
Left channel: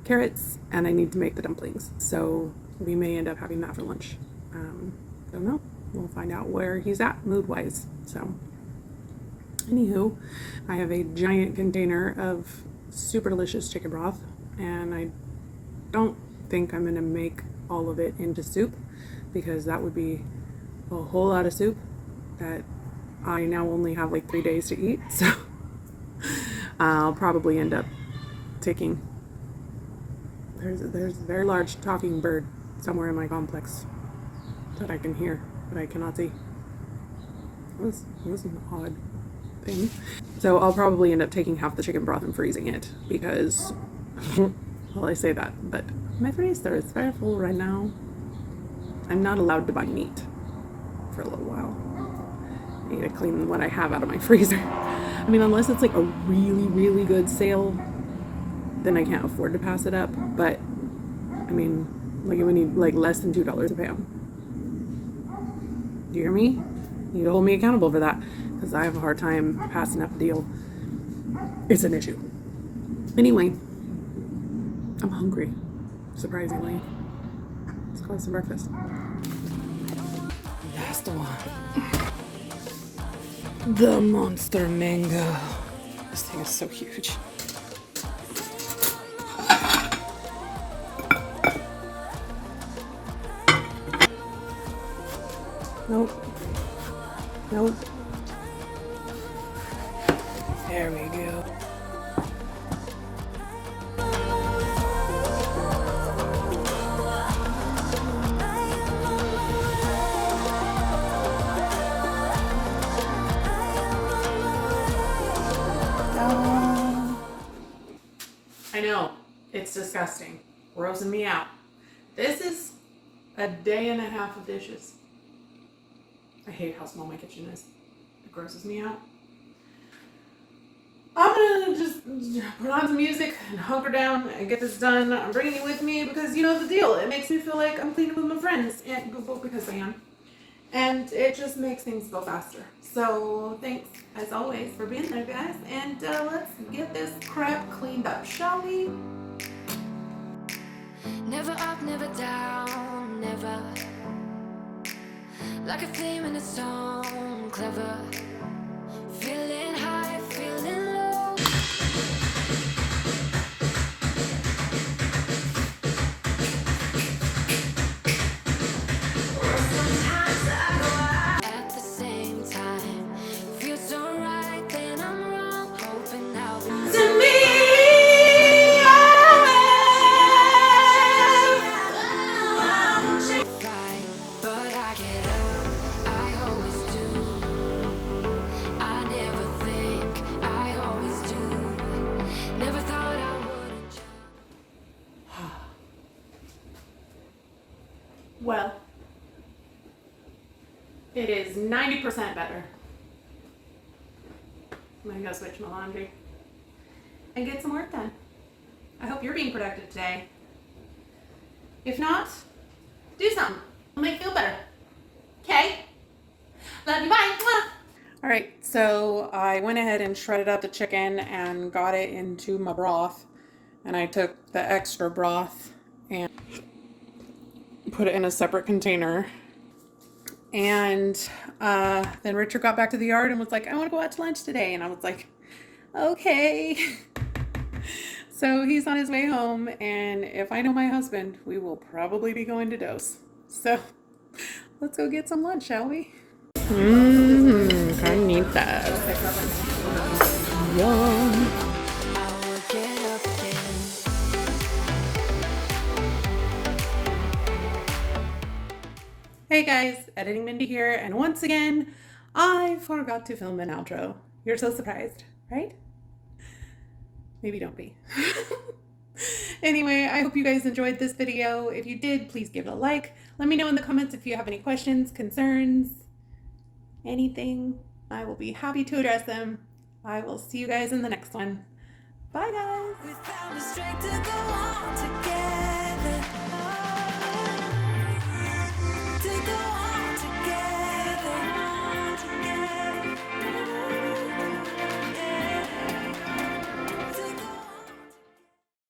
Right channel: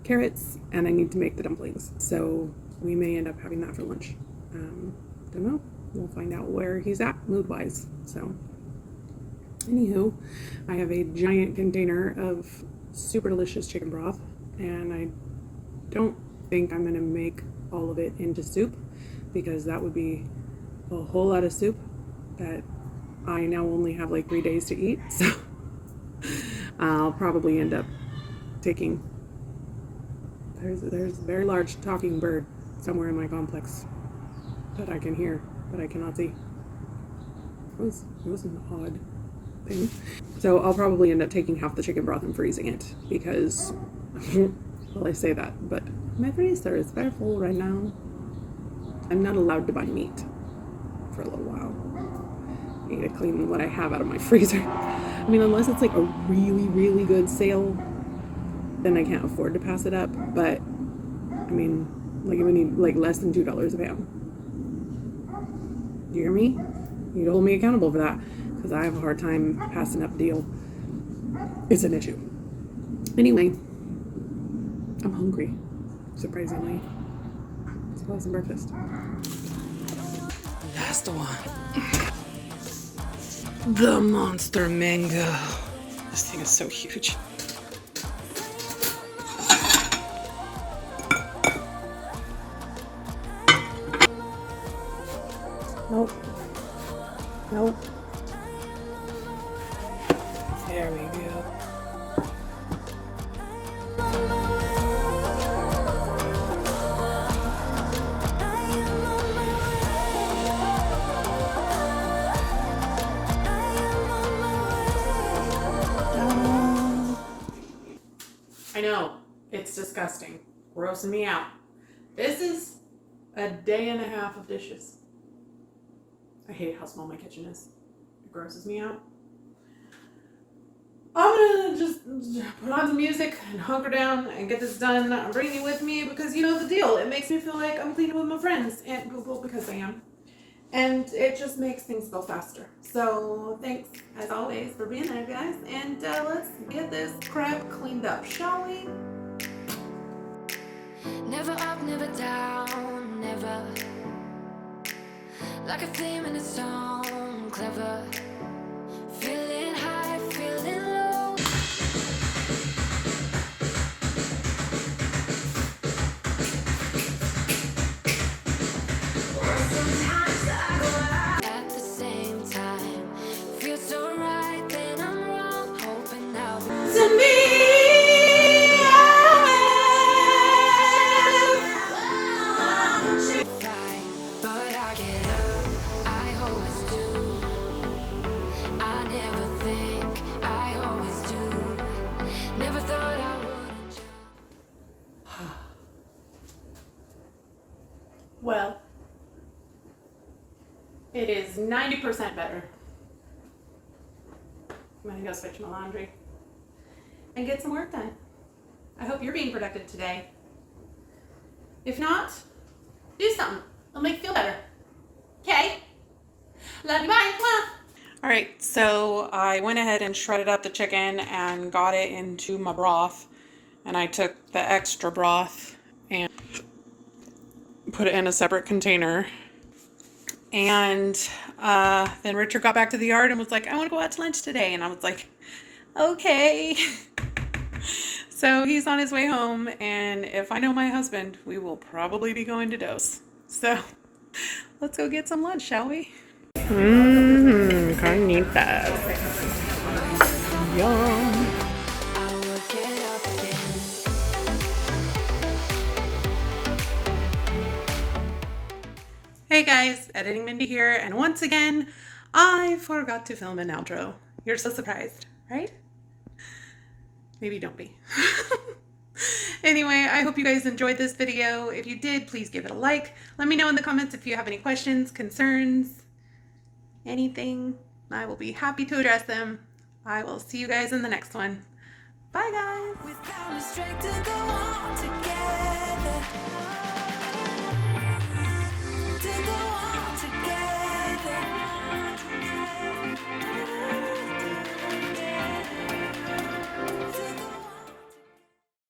carrots and I need to make the dumplings. So we may end up having that for lunch. Don't know. We'll find out where he's at mood-wise. So anywho, I have a giant container of super delicious chicken broth, and I don't think I'm gonna make all of it into soup because that would be a whole lot of soup that I now only have like 3 days to eat. So I'll probably end up taking There's a very large talking bird somewhere in my complex that I can hear, but I cannot see. It was an odd thing. So I'll probably end up taking half the chicken broth and freezing it because, well, I say that, but my freezer is very full right now. I'm not allowed to buy meat for a little while. I need to clean what I have out of my freezer. I mean, unless it's like a really, really good sale, then I can't afford to pass it up. But I mean, like, it would need like less than $2 a pound. Do you hear me? You need to hold me accountable for that because I have a hard time passing up a deal. It's an issue. Anyway, I'm hungry, surprisingly. Let's go have some breakfast. That's the one. The monster mango. This thing is so huge. Nope. Nope. There we go. I know, it's disgusting. Grossing me out. This is a day and a half of dishes. I hate how small my kitchen is. It grosses me out. I'm gonna just put on some music and hunker down and get this done. I'm bringing you with me because you know the deal. It makes me feel like I'm cleaning with my friends and Google because I am. And it just makes things go faster. So thanks as always for being there, guys. And let's get this crap cleaned up, shall we? Never up, never down, never. Like a theme in a song, clever. Feeling high, feeling low. Sometimes I go out at the same time. Feels so right, then I'm wrong. Hoping I'll be to me. But I get up, I always do. I never think, I always do. Never thought I wouldn't jump. Well, it is 90% better. I'm gonna go switch my laundry and get some work done. I hope you're being productive today. If not, do something. It'll make you feel better. Okay? Love you, bye. All right, so I went ahead and shredded up the chicken and got it into my broth. And I took the extra broth and put it in a separate container. And then Richard got back to the yard and was like, I want to go out to lunch today. And I was like, okay. So he's on his way home. And if I know my husband, we will probably be going to Dose. So let's go get some lunch, shall we? Carnitas. Yum. I would get up again. Hey guys, Editing Mindy here, and once again, I forgot to film an outro. You're so surprised, right? Maybe don't be. Anyway, I hope you guys enjoyed this video. If you did, please give it a like. Let me know in the comments if you have any questions, concerns, anything. I will be happy to address them. I will see you guys in the next one. Bye guys! We found a strength to go on together.